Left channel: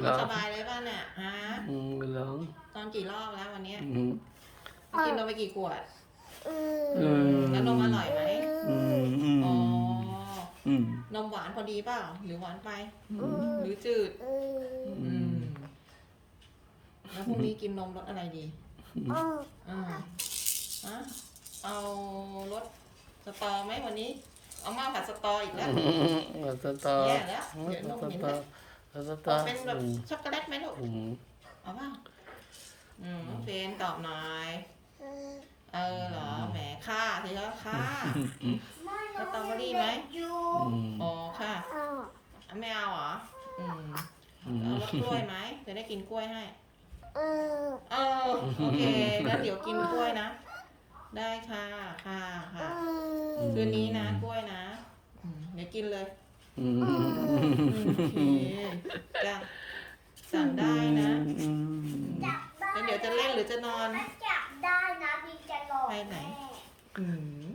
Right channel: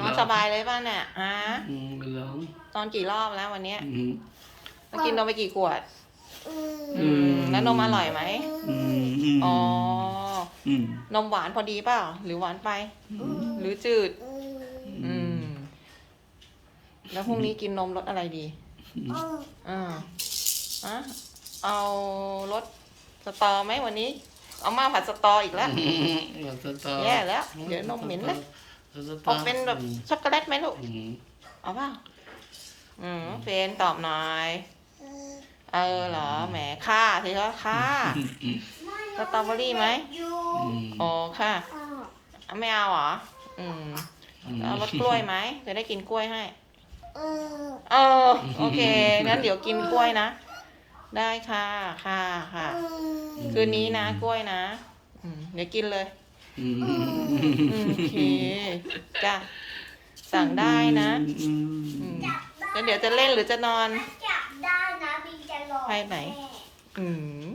นอนสบายเลยป่ะเนี่ยฮะอืมร้องตอนกี่รอบแล้ววันเนี้ยอืมกินนมไปกี่ขวด อืมแล้วนมอร่อยไหมอืมอ๋อ อืมนมหวานพอดีเปล่า หรือหวานไป หรือจืด อืม แล้วพรุ่งนี้กินนมรสอะไรดี อ่าอะเอารส สตอไหมวันนี้ เอามาผัดสตออีกแล้วเอาสตอแย่แล้ว เดี๋ยวนมเหม็นนะเอาสตออกเป็นแบบช็อกโกแลตไหมลูกอืมเอาเปล่าอืมเฟนตอบหน่อยเออเหรอแหมค่าทีละค่าสตรอเบอรี่ไหมอืมอ๋อค่ะเอาไม่เอาเหรออืมเอารสกล้วยไหมจะได้กินกล้วยให้เออโอเคงั้นเดี๋ยวกินกล้วยนะ ได้ค่ะค่ะค่ะ คืนนี้นะกล้วยนะอืมเดี๋ยวกินเลยอืมอืมโอเคจ้ะสั่งได้นะอืมอืมแล้วเดี๋ยวจะเล่นหรือจะนอน จับได้นะบินจะหลอกไปไหน แม่ อืม